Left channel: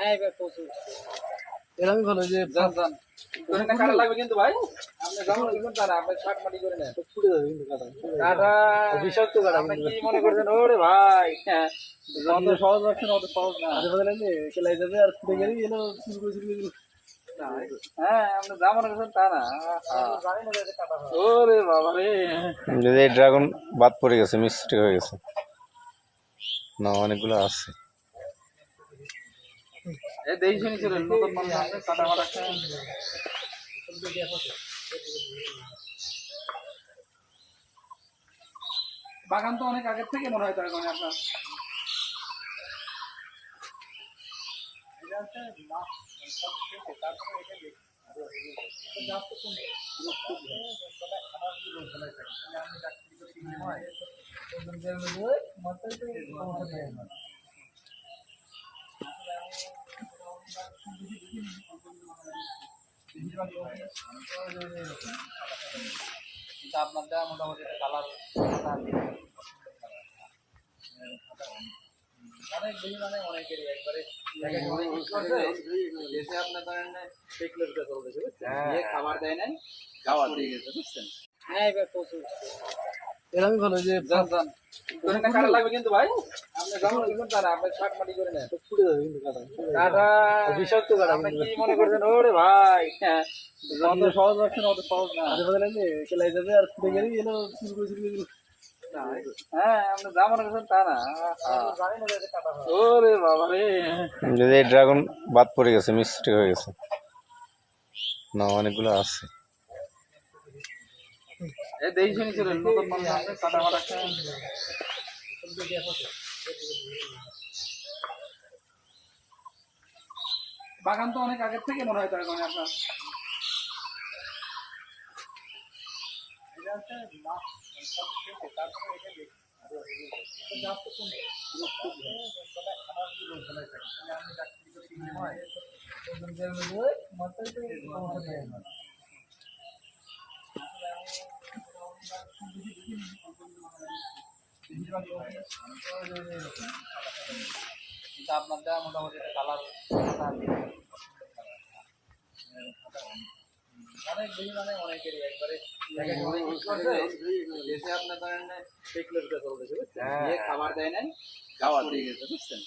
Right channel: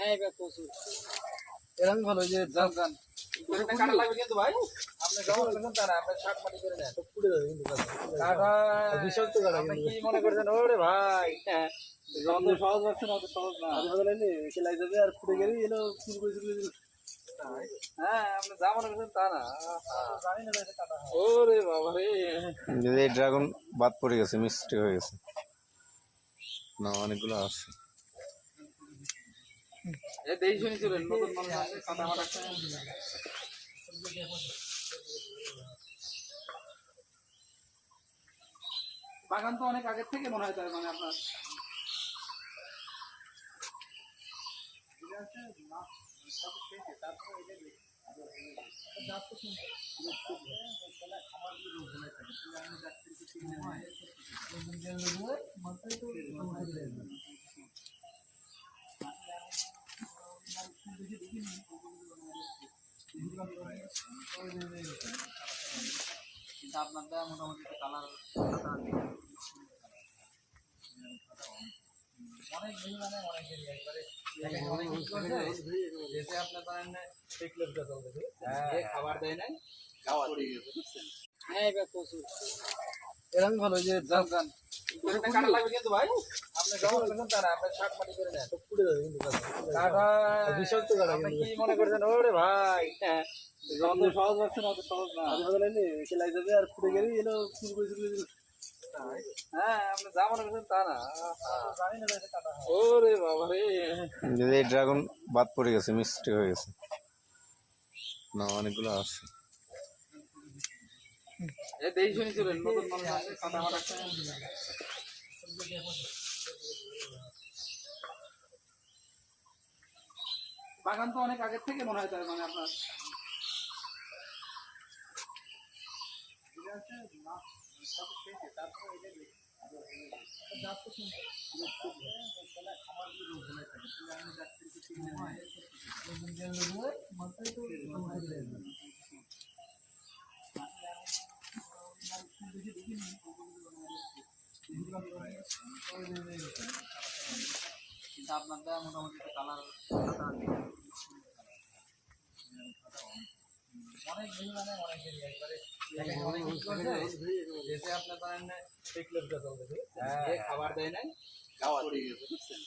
হ্যাঁ এবার প্রচুর এরকমই ভালো যে জান জান করে না কাটা লাগবে কিন্তু ভাই আপনি যেমন করছেন তারা আপনি শাক মাটি করে নেন ফুটে যাবে কিন্তু কাটা বিষাক্ত কাটা আপনি কিন্তু কি মনে করছেন ওরে ভাই হ্যাঁ যত সহজ লাগছে না অত সহজ না আরে বলে না কেলাই যাবে আর ফুটে গেলেই এলো চুল করে চুল করে হ্যাঁ আপনি যা মনে করছেন তা না জানি না যে কাটা হয় ওরে বাবা রে এই ড্রাগন বাদ পড়ে গেছে, মিস্টেক হয়ে গেছে। না, অনেকগুলো আছে। এ দেই শুনি চলেন নতুন মানুষ আছে কাটা মারা খায় বাগান তো অনেক আগের থেকে মনে হয় তার মানে আপনার কিন্তু আপনার দেওয়া মোটামুটি একটা কালার সাদা অনেক বেশি মানে অনেকেরই একবারে যেতে আপনার ধরেন খাবার দেয় নাই খাওয়া দিয়ে গেছে বুঝছেন হ্যাঁ এবার প্রচুর এরকমই ভালো যে জান জান করে না কাটা লাগবে কিন্তু ভাই আপনি যেমন করছেন তারা আপনি শাক মাটি করে নেন ফুটে যাবে কিন্তু কাটা বিষাক্ত কাটা আপনি কি মনে করছেন ওরে ভাই হ্যাঁ যত সহজ লাগছে না অত সহজ না আরে বলে না কেলাই যাবে আর ফুটে গেলেই এলো চুল করে চুল করে হ্যাঁ আপনি যা মনে করছেন তা না জানি না যে কাটা হয় ওরে বাবা রে এই ড্রাগন বাদ পড়ে গেছে, মিস্টেক হয়ে গেছে। না, অনেকগুলো আছে। এ দেই শুনি চলেন নতুন মানুষ আছে কাটা মারা খায় বাগান তো অনেক আগের থেকে মনে হয় তার মানে আপনার কিন্তু আপনার দেওয়া মোটামুটি একটা কালার সাদা অনেক বেশি মানে অনেকেরই একবারে যেতে আপনার ধরেন খাবার দেয় নাই খাওয়া দিয়ে গেছে বুঝছেন